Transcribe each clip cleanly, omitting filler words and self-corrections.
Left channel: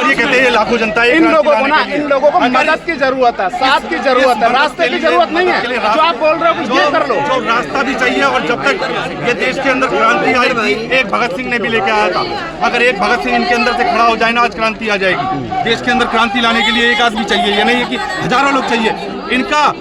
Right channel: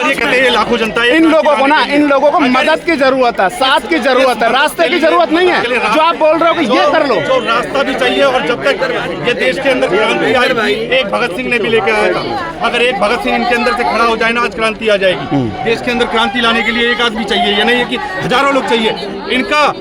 ये कहते हैं लाखों जनता इन लोगों को मदद की जरूरत है, साथ की जरूरत है, रास्ते की जरूरत नहीं है। जो आप बोल रहे हो कि ये कर लो, जो रास्ता भी चाहिए। और जब तक ये देश के अंदर क्रांति आई, एक भगत सिंह ने भी लेके आया था, अगर एक भगत सिंह इनके अंदर से खड़ा हो जाए ना, आज क्रांति आ जाएगी। देश के अंदर क्रांति लाने के लिए एक आदमी चाहिए, ये नहीं है कि हजारों लोग चाहिए। इनका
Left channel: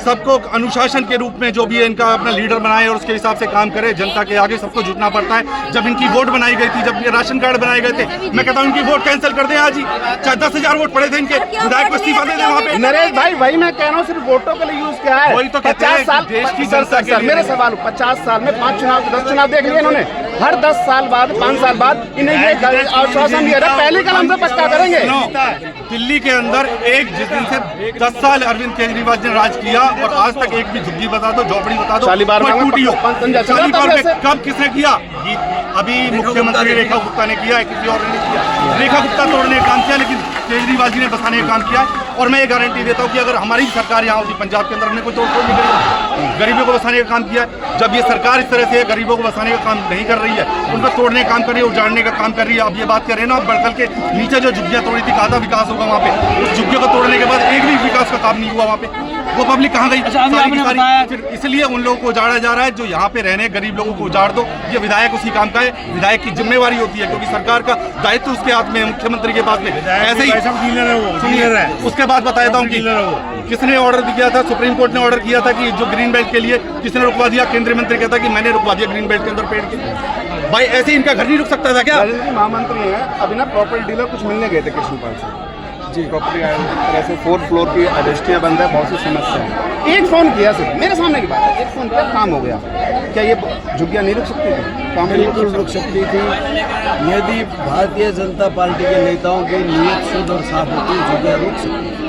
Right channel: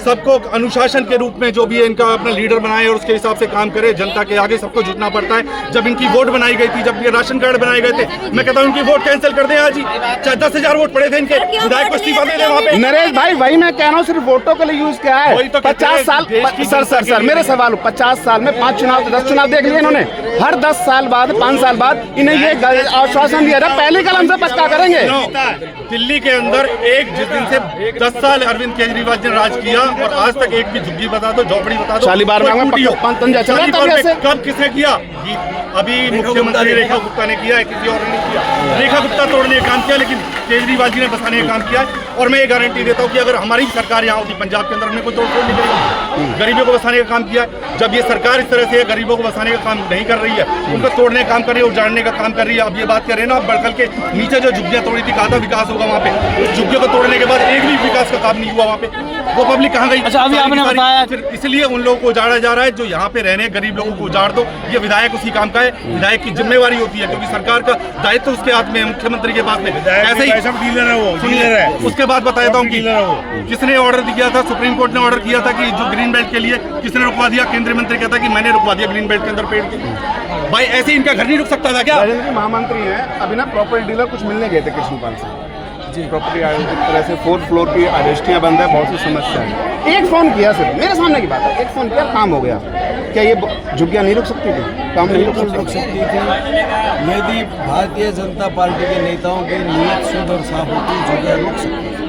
सबको अनुशासन के रूप में जो भी है इनका अपना लीडर बनाए और उसके हिसाब से काम करे। जनता के आगे सबको झुकना पड़ता है। जब इनकी वोट बनाई गई थी, जब ये राशन कार्ड बनाए गए थे, मैं कहता हूँ इनकी वोट कैंसिल कर दें आज ही। 10,000 वोट पड़े थे इनके, विधायक को इस्तीफा दे दें वहाँ पे। नरेश भाई वही मैं कह रहा हूँ, सिर्फ वोटों के लिए यूज किया है। वही तो कहते हैं, 50 साल देश की जनता के लिए। मेरे सवाल 50 साल में 5 चुनाव 10 चुनाव देख लिए इन्होंने। हर 10 साल बाद 5 साल बाद इन्हें ये आश्वासन दिया था पहले कलम से पक्का करेंगे। दिल्ली के अंदर एक जिस दिन से 10 साल अरविंद केजरीवाल ने राज किया और आज तक एक भी झुग्गी बता दो, झोपड़ी बता दो, कोई टूटी हो। शालीमार में कब किसने किया? अभी मुख्यमंत्री रेखा गुप्ता ने किया है, किसी और ने किया। रेखा गुप्ता तोड़ने का काम किया, लेकिन केजरीवाल जी ने बसाने का काम किया है। और मैं ये गारंटी देता हूँ कि अगर हमारी सरकार यहाँ होती पंजाब के अंदर, हमने कोई तोड़ फोड़ नहीं करेगी। गरीबों को बसाने का काम किया है। जब ये सरकार इस तरह से गरीबों को बसाने का काम नहीं कर रही है, उनको तोड़ने का काम कर रही है, उजाड़ने का काम कर रही है। अब ये बात कर रहे हैं ना, बड़कल के नीचे जो झुग्गियाँ तोड़ी थी, कहा था विकास होगा वहाँ पे, उस झुग्गियों को तोड़ने के बाद एक भी विकास का काम नहीं हुआ वहाँ पे। वो पब्लिक कहाँ गई? फिर इसलिए उन लोगों को उजाड़ा जा रहा है। जो यहाँ पे रहने गरीब लोगों को उजाड़ दो, ये विधायक उसी काम का है। विधायक की जिम्मेवारी होती है, क्योंकि सरकार का दायित्व उसके हाथ में है, मुख्यमंत्री के पास में। ऐसे ही सुनिए, उसके बाद बताता हूँ कि किसने ऑर्डर दिया था। सुप्रीम कोर्ट ने ऑर्डर किया था कि जो ग्रीन बेल्ट के लिए किसने रुकवा दिया? केंद्रीय मंत्री कहता कि मैंने रुकवा दिया ग्रीन बेल्ट के अंदर पेड़ की। भाई ऐसे इनका घर नहीं रुक सकता था क्या? महामंत्री है, अभी ना प्रॉपर्टी डीलर कुछ मिलने गए थे कृष्णपाल से जी। प्रॉपर्टी तरह से 4th फ्लोर की आवेष्टियाँ बंद है, बहुत सी समस्या है। एक फोन किया सिर्फ, मेरे सामने की बात है, एक फोन किया, काम हो गया। क्या ये झुग्गियाँ नहीं रुक सकती थी? काम बिल्कुल रुक सकती थी। यदि भारतीय जनता पार्टी के नेताओं की नीयत शुद्ध और साफ होती, झुग्गियाँ रुक सकती थी,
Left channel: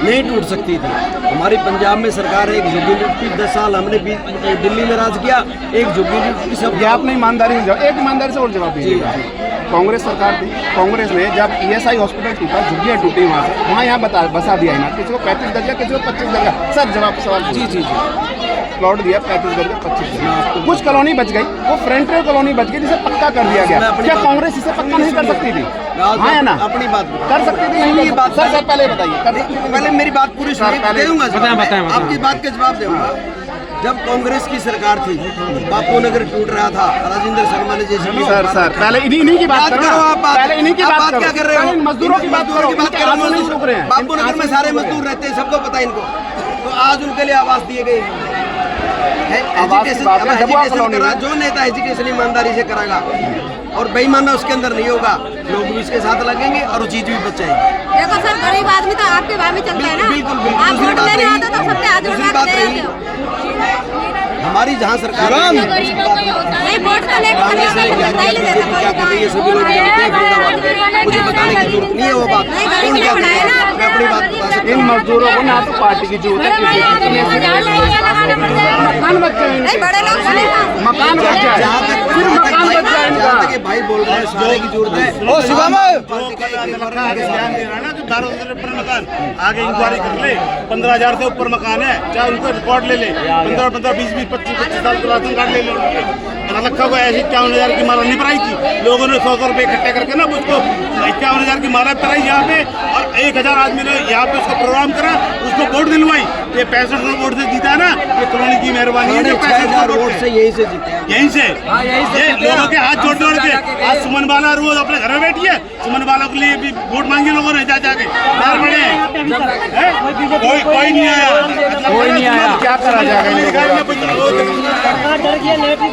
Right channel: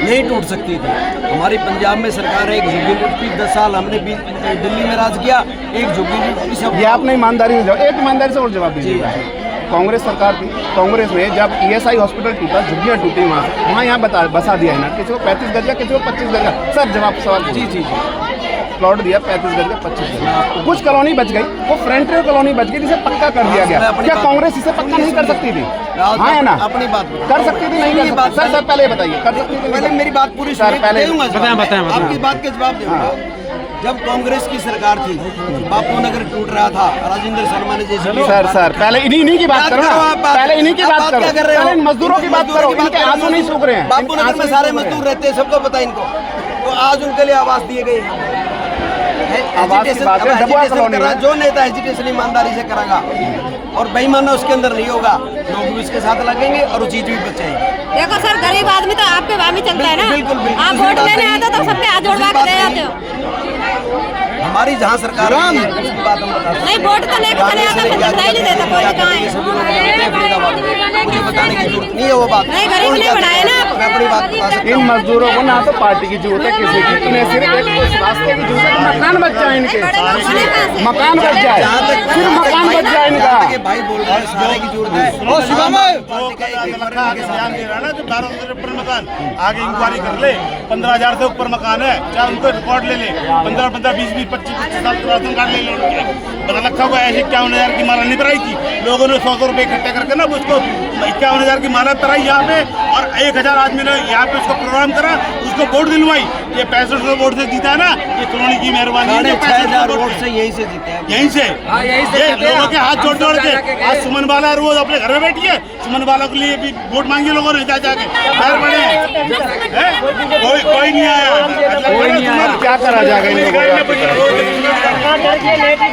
नहीं टूट सकती थी। हमारी पंजाब में सरकार है, एक झुग्गी लूट की 10 साल हमने दिल्ली में राज किया, एक झुग्गी लूट की सब। आपने ईमानदारी से एक ईमानदारी से और जवाब दीजिए। कांग्रेस सरकार थी, कांग्रेस ने जब ESI हॉस्पिटल टूटा, झुग्गियाँ टूटी वहाँ से, वहाँ यहाँ बसा दिया है ना, किसी को 35 गज का, किसी को 25 गज का। सर जवाब सवाल जी प्लॉट दिया 35 गज का, 25 गज। कुछ कॉलोनी बच गई, वो फ्रंटियर कॉलोनी बच गई जिसे पक्का कर दिया गया। क्या कांग्रेस इसे पक्का नहीं कर सकती थी? हाँ है ना, अपनी बात कर सकती थी। नहीं ये बात सर पहले बताइए, पहले मेरी बात पूरी सुनिए, आपकी बात के जवाब दूंगा। जब कांग्रेस की सरकार थी, बापू नगर टूट रहा था, राजेंद्र शर्मा ने जैसे सर पहले इन्हीं की बात करो। आप बात क्या कर रहे हो? मजदूरों की बात नहीं सूख रहे हैं। बापू नगर में सारे मजदूर रहते हैं, सबको पता है इनको। तो आज उनके लिए आवाज दिए गए। एजुटेशन कर रहा, जो नेता एजुटेशन ईमानदारी से कराएगा और बेईमाना उसके अंदर नहीं होगा, लोग भी उसके साथ लगेंगे और वो चीज भी बचाएंगे। देखो सर, गरीब आदमी तो आपके भाव में चलता है ना। बिल्कुल बिल्कुल। आप दूसरी वोट बात लेने रही, आते तो सब पे हाथ जोड़ दूसरी के बात आते रही, हो। हमारी जहाँ सरकार है उसकी बात हम बताते नहीं, वोट तो लेके कांग्रेस ने क्या किया, बीजेपी क्या कर रही है, सभी लोग जानते हैं। फरीदाबाद में मुझे बताने की जरूरत नहीं है वो बात, कौन क्या कर रहा है, मैं अपनी बात बता सकता हूँ। इन मजदूरों को ना तो पार्टी की जरूरत है, किसी की मकान बच जाए, इनके मकान बच जाए। जहाँ तक भाई बोल रहे हैं सारे की जरूरत है, पार्टी का एक ध्यान दे रहा है ना, जो 12,000 मकान आगे इंक्वायरी कर ले, 15,000 से ऊपर मकान है, चाहे उनको रिकॉर्ड ले ले, 15-15, 20-20, 25-25 साल राशन कार्ड ले लो उनके। रखा हुआ ऐसी 51,000 की माला नहीं भराई थी लोगों ने, 100 रुपए इकट्ठे करके ना उसको 51,000 की माला कराई यहाँ पे, और 1,000 आदमी ने यहाँ पे उसको प्रोग्राम करा, उसको वोट दिलवाई। ये 65 वोट से जीता है ना, ये कॉलोनी की मेहरबानी है। 6,000 वोट से यहीं से जीते हैं, यहीं से ये लोगों के हाथ जोड़ जोड़ के। आज सुमन वाला रोज अपने घर में बैठी है, सुमन वाला के लिए भी वोट मांगी लोगों ने, जाके पैर बड़े कोई नहीं आया। मतलब क्या करा जाएगा?